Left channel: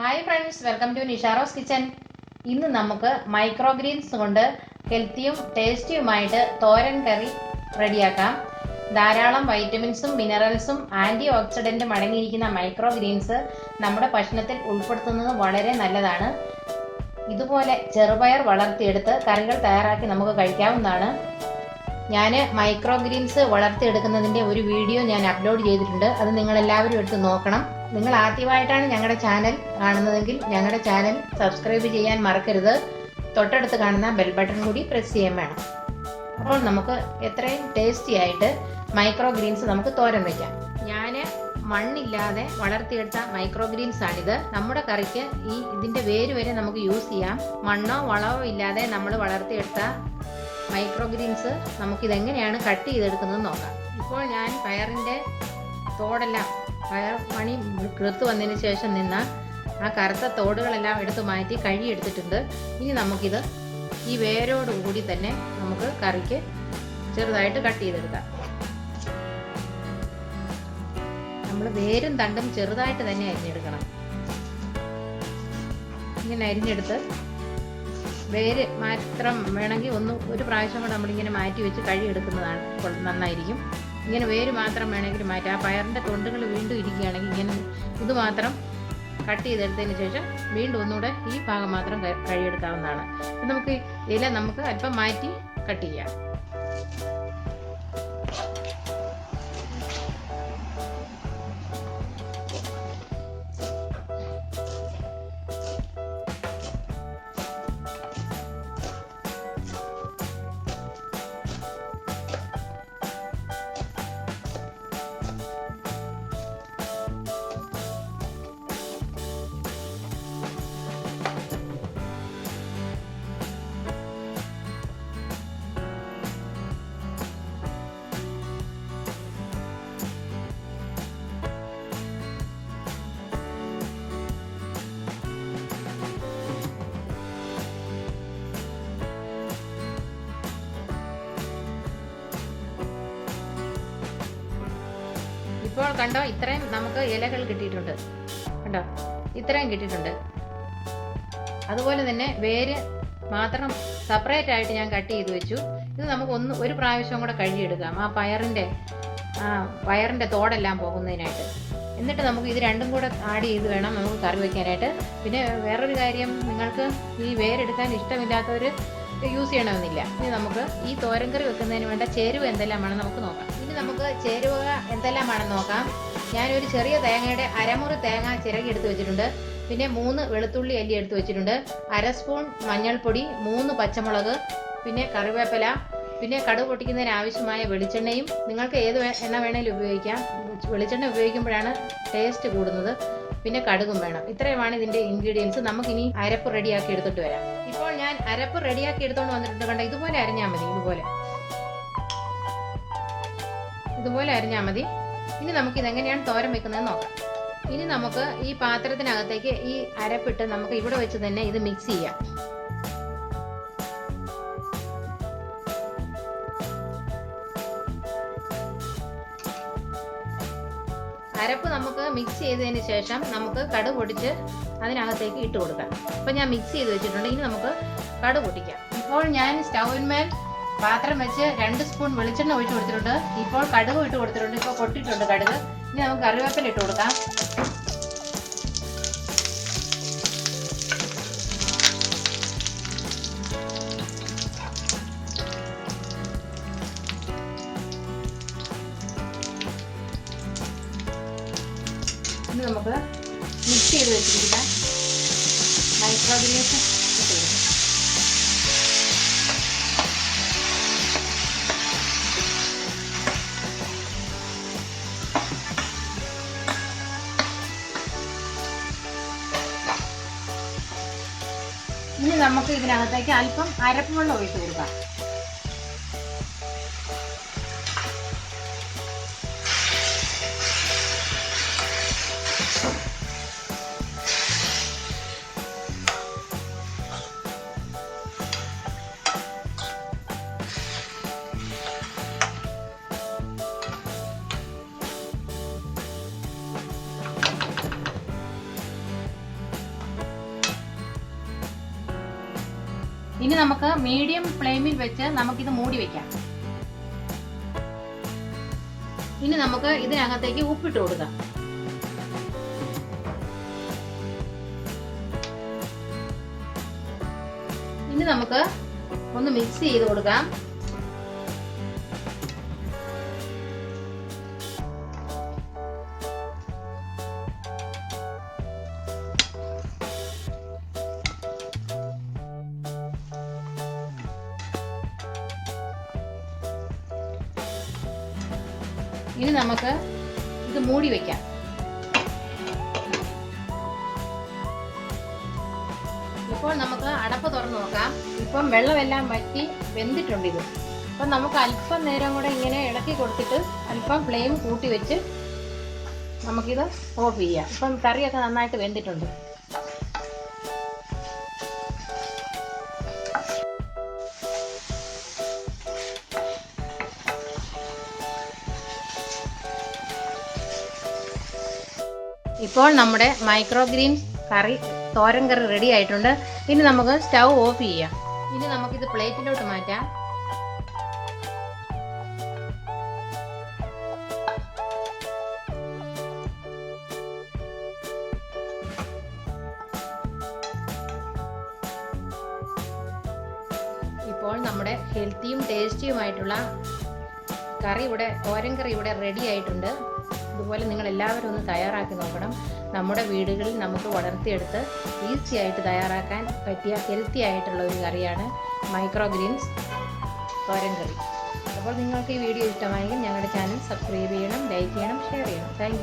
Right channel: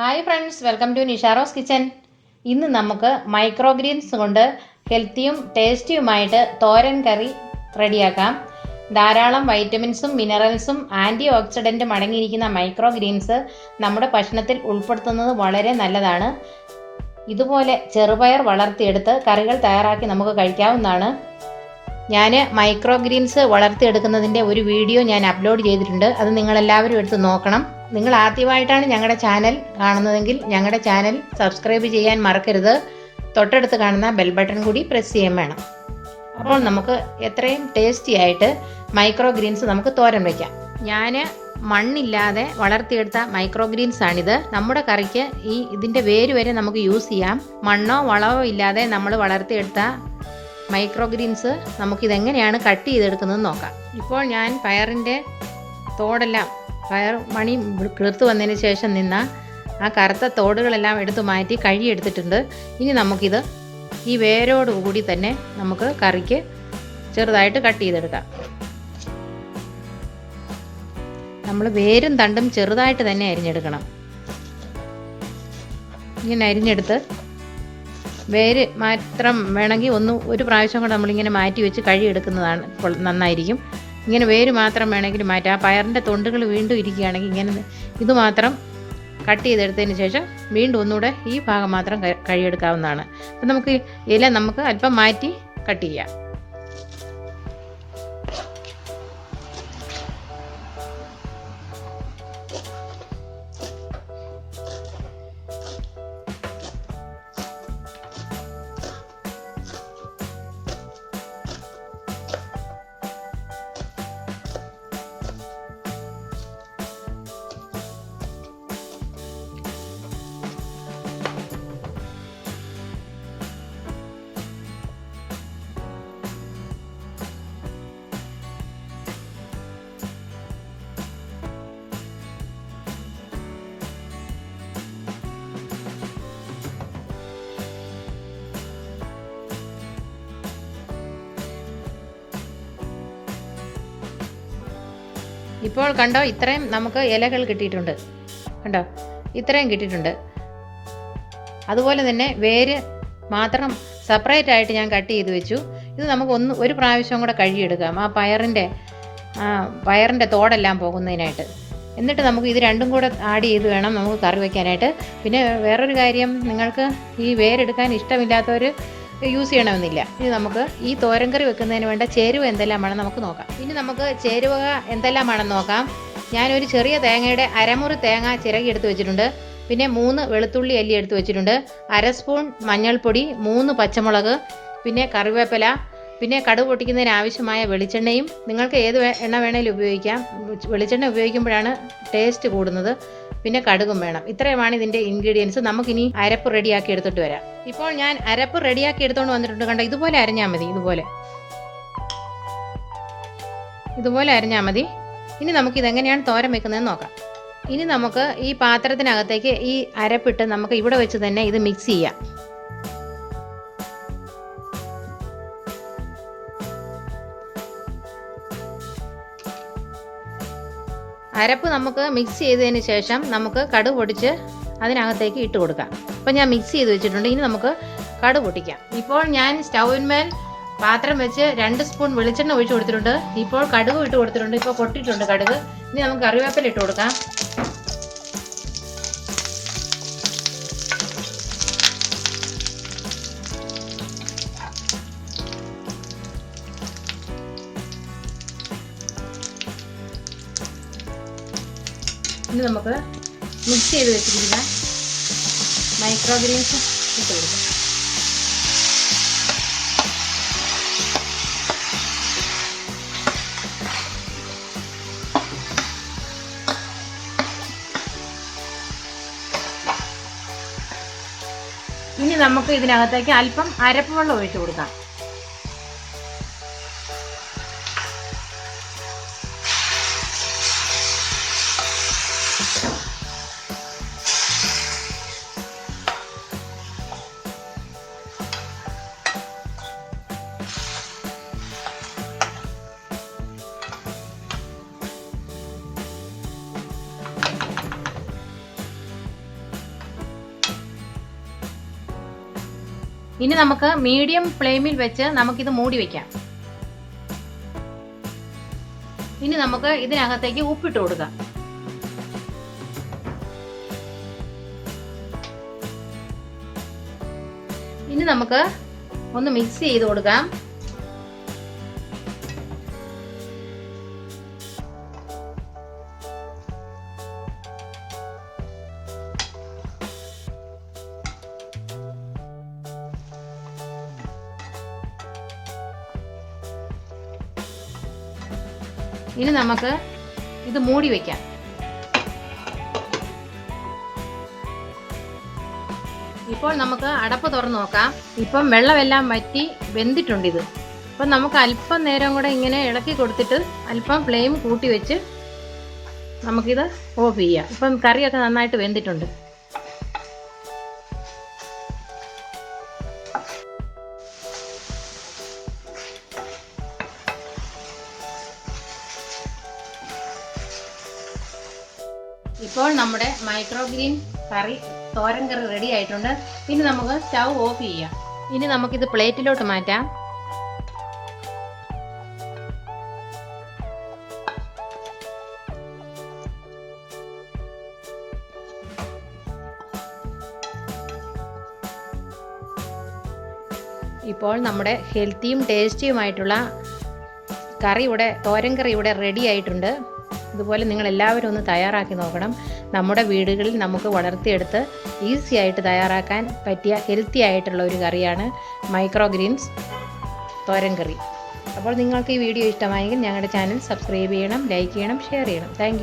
Hi friends, welcome to നിഷാറോസ് kitchen. ഇന്ന് നമുക്ക് മൈക്രോഗ്രീൻസ് കൊണ്ട് ഹെൽത്തിയും ടേസ്റ്റിയുമായിട്ട് തോരൻ കറി റെഡിയാക്കാം. ധാരാളം വൈറ്റമിൻസും മിനറൽസും ആൻറ്റി ഓക്സിഡൻറ്റും അടങ്ങിയിരിക്കുന്ന മൈക്രോഗ്രീൻസ് നമ്മുടെ ഭക്ഷണത്തിൽ ഉൾപ്പെടുത്തുന്നത് വളരെ നല്ലതാണ്. ഇതുപോലെ ചെറുപയർ വളർത്തിയെടുത്ത് കറികൾ തയ്യാറാക്കി നമുക്ക് കഴിക്കാവുന്നതാണ്. ഞാൻ മൈക്രോഗ്രീൻസ് വളർത്തിയെടുക്കുന്നതിൻ്റെ ഒരു വീഡിയോ ഞാൻ അപ്ലോഡ് ചെയ്തിട്ടുണ്ട്. അത് നിങ്ങളെല്ലാവരും എടുത്ത് നോക്കണം. നിങ്ങൾ ആദ്യമായിട്ടാണ് ഞങ്ങളുടെ ചാനൽ കാണുന്നതെങ്കിൽ ഞങ്ങളുടെ ചാനൽ സബ്സ്ക്രൈബ് ചെയ്യാൻ മറക്കരുത്. തൊട്ടടുത്ത് കാണുന്ന ബെൽ ബട്ടൺ കൂടി പ്രസ് ചെയ്യാൻ വേണം. അപ്പോൾ നമുക്ക് എത്രയും ടേസ്റ്റി ആയിട്ട് മൈക്രോഗ്രീൻസ് നമുക്ക് തോരൻ വയ്ക്കാം. ഞാൻ മണ്ണില്ലാതെ വളർത്തിയെടുത്ത മൈക്രോഗ്രീൻസ് ആണിത്. നമ്മുടെ കറിക്ക് ഇതിൻ്റെ വേര് വരെ നമുക്ക് യൂസ് ചെയ്യാം. മണ്ണോ വളമോ ഇല്ലാതെ നമ്മൾ വളർത്തിയെടുത്ത മൈക്രോഗ്രീൻസ് നമുക്കിതെങ്ങനെയാണ് കട്ട് ചെയ്തെടുക്കുന്നത് നോക്കാം. ഇപ്പോൾ ഞാൻ പയറിൻ്റെ തോടെല്ലാം പയർ മണി കിളുത്ത് വന്നതിന് ശേഷം നിന്ന ആ കറുത്ത തോടുകളെല്ലാം എടുത്ത് മാറ്റി കഴുകിയെടുത്തിട്ടുണ്ട്. ഇനി നമുക്കിത് ഈ വേരോടുകൂടി തന്നെ നമുക്ക് കറിക്ക് ചെറുതായിട്ട് കട്ട് ചെയ്തെടുക്കാം. നമ്മൾ വേരും തണ്ടും ചെറുതായിട്ട് തന്നെ അരിഞ്ഞെടുക്കണം. ഇങ്ങനെ അരിഞ്ഞെടുത്ത് വേര് മാത്രം വേണമെങ്കിൽ ഒരു പ്രാവശ്യം കൂടെ നമ്മളിങ്ങനെ മാറ്റി വെച്ച് കഴുകിയെടുക്കുന്നതാണ് നന്നായിരിക്കും. ഇങ്ങനെ വേര് മാത്രം വേണമെങ്കിൽ മാറ്റാം. ആ പയറിൻ്റെ തൊണ്ടുകൾ വീണ്ടും ഇരിക്കുകയാണെങ്കിൽ ഇങ്ങനെ ഇത് മാത്രം കട്ട് ചെയ്തെടുത്തതിന് ശേഷം വീണ്ടും ഒന്നുകൂടെ ഈ ഭാഗം മാത്രം കഴുകിയെടുക്കാവുന്നതാണ്. അപ്പം നമുക്ക് ഇല നമുക്ക് അല്പം മാറ്റി കട്ട് ചെയ്യാം. ഇപ്പോൾ കണ്ടോ, ഇത്രയും നമുക്ക് ഇലകൾ കിട്ടിയിട്ടുണ്ട്. കണ്ടോ, ഇത്രയും കിട്ടിയിട്ടുണ്ട്. അതുപോലെ തന്നെ വേര് മാത്രം സെപ്പറേറ്റ് ആയിട്ട് ഞാൻ കട്ട് ചെയ്ത് വെച്ചു. ഇത് നമുക്ക് ഒരു പ്രാവശ്യം കൂടെ കഴുകിയെടുക്കാം, ആ പയറിൻ്റെ തോടെല്ലാം പോകുന്നതിനായിട്ട്. എന്നിട്ട് നമുക്ക് ഇത് രണ്ടും കൂടെ ആഡ് ചെയ്ത് വേണം നമുക്ക് കറി വയ്ക്കാനായിട്ട്. പിന്നെ വേറൊരു കാര്യം, നിങ്ങൾക്ക് ഈ വേരെടുക്കാൻ ഇഷ്ടമില്ലാത്തവർ യൂസ് ചെയ്യണമെന്നില്ല. ഇനി നമുക്ക് ഈ തോരൻ കറി വെക്കുന്നതിന് വേണ്ട ചേരുവ എന്തെല്ലാമാണെന്ന് നമുക്ക് നോക്കാം. ഇനി നമുക്ക് ചേരുവ എന്തെല്ലാമാണെന്ന് നോക്കാം. ഞാനൊരു ചെറിയ തേങ്ങയുടെ അരമുറി തേങ്ങ ചിരകി എടുത്ത് വെച്ചിട്ടുണ്ട്. പിന്നെ 3 വെളുത്തുള്ളി അല്ലി എടുത്ത് വെച്ചിട്ടുണ്ട്. 1/2 സ്പൂൺ മഞ്ഞൾപ്പൊടി, 3 പച്ചമുളക്, പിന്നെ കറിവേപ്പില, പിന്നെ കടുക് പൊട്ടിക്കുന്നതിന് ആവശ്യമായ വെളിച്ചെണ്ണയും. നിങ്ങൾക്ക് ഏത് എണ്ണ വേണമെങ്കിലും ഉപയോഗിക്കാം. വെളിച്ചെണ്ണ ഉപയോഗിക്കുമ്പോഴാണ് ടേസ്റ്റ് കൂടുന്നത്. പിന്നെ കടുകും വേണം. ഇത്രയുമാണ് ഇതിൻ്റെ ഇൻഗ്രീഡിയൻസ്. നമുക്കിനി അരപ്പ് റെഡിയാക്കി എടുത്തിട്ട് വരാം. ഇപ്പോൾ ഞാൻ അരപ്പ് റെഡിയാക്കി എടുത്തുകൊണ്ട് വന്നിട്ടുണ്ട്. കണ്ടോ, ഇതുപോലെ അരഞ്ഞാൽ മതി. ഇതുപോലെ അരഞ്ഞാൽ മതി. ഇനി നമുക്കിതെങ്ങനെയാണ് തോരൻ വെക്കുന്നതെന്ന് നോക്കാം. ഇനി നമുക്ക് ഈ പാത്രത്തിനകത്തേക്ക് ഈ അരപ്പിട്ട് നമുക്ക് ഇവിടെ വെച്ച് തന്നെ ഇത് മിക്സ് ചെയ്യാം. അരപ്പ് നമുക്ക് മിക്സ് ചെയ്തതിന് ശേഷം നമുക്ക് കടുക് പൊട്ടിച്ച് അതിനകത്തേക്ക് ഇട്ട് കൊടുക്കാം. അപ്പോൾ ഞാൻ മിക്സ് ചെയ്ത് വെച്ചിട്ടുണ്ട്. ഇനി നമുക്ക് കടുക് പൊട്ടിക്കാം. ഇപ്പോൾ ഞാൻ സ്റ്റൗവിന്മേൽ പാത്രം വെച്ച് 2 സ്പൂൺ വെളിച്ചെണ്ണ ഒഴിച്ച് കൊടുത്തിട്ടുണ്ട്. ഇപ്പോൾ കടുക് ഇട്ട് കൊടുത്തിട്ടുണ്ട്. ഇപ്പോൾ പൊട്ടിയിട്ടുണ്ട് കടുക്. ഇനി നമുക്ക് കറിവേപ്പില ഇട്ട് കൊടുക്കാം. ഇനി നമുക്ക് മിക്സ് ചെയ്ത് വെച്ചിരിക്കുന്ന മൈക്രോഗ്രീൻസ് ഇട്ട് കൊടുക്കാം. ഇനി നമുക്ക് ഇതിനകത്തേക്ക് അല്പം അരപ്പ് വെള്ളം ഒഴിച്ച് കൊടുക്കാം. ഇനി നമുക്ക് മീഡിയം ഫ്ലെയിമിൽ വെച്ച് നമുക്കിത് മൂടി വയ്ക്കാം. ഇനി നമുക്ക് ഇതിനകത്തേക്ക് ഉപ്പിട്ട് കൊടുക്കാം. ഇനി നമുക്ക് ഒന്ന് മിക്സ് ചെയ്ത് കൊടുക്കാം. ഇനി നമുക്ക് ഇത് മൂടി വയ്ക്കാം. ഇപ്പോൾ നമുക്ക് അടപ്പ് തുറന്ന് നോക്കാം. ഇപ്പം വെള്ളമെല്ലാം വറ്റി വെന്തിട്ടുണ്ട് ഇത്. അപ്പം നമുക്ക് അല്പം നേരം കൂടെ ഇങ്ങനെ ഇളക്കി കൊടുത്തിട്ട് അല്പം ഫ്ലെയിം കൂട്ടി വെച്ച് നമുക്കിത് ഓഫ് ചെയ്യാം. ഇപ്പം കറിയൊക്കെ നന്നായിട്ട് വെന്തിട്ടുണ്ട്. ഇപ്പോൾ നമ്മുടെ മൈക്രോഗ്രീൻസ് കറി തോരൻ കറി റെഡി ആയിട്ടുണ്ട്. ഇനി നമുക്ക് സ്റ്റൗ ഓഫ് ചെയ്യാം. ഇനി നമുക്കിത് പ്ലേറ്റിലോട്ട് മാറ്റാം. ഇപ്പോൾ നമ്മുടെ ഹെൽത്തിയും ടേസ്റ്റിയുമായിട്ടുള്ള തോരൻ കറി ഇവിടെ റെഡി ആയിട്ടുണ്ട്. ഇതുപോലെ നിങ്ങൾ എല്ലാവരും ഒന്ന് തയ്യാറാക്കി നോക്കണം. നമ്മുടെ വീടുകളിൽ നമുക്ക് വളർത്തിയെടുത്ത് ഈസി ആയിട്ട് തയ്യാറാക്കാൻ പറ്റിയ ഹെൽത്തി ആയിട്ടുള്ള ഒരു കറിയാണ് മൈക്രോഗ്രീൻസ് തോരൻ കറി. അപ്പോൾ നിങ്ങൾക്ക് ഈ വീഡിയോ ഇഷ്ടമായെങ്കിൽ ഞങ്ങളുടെ ചാനൽ സബ്സ്ക്രൈബ് ചെയ്യണം, ലൈക്ക് ചെയ്യണം, ഷെയർ ചെയ്യണം. താങ്ക്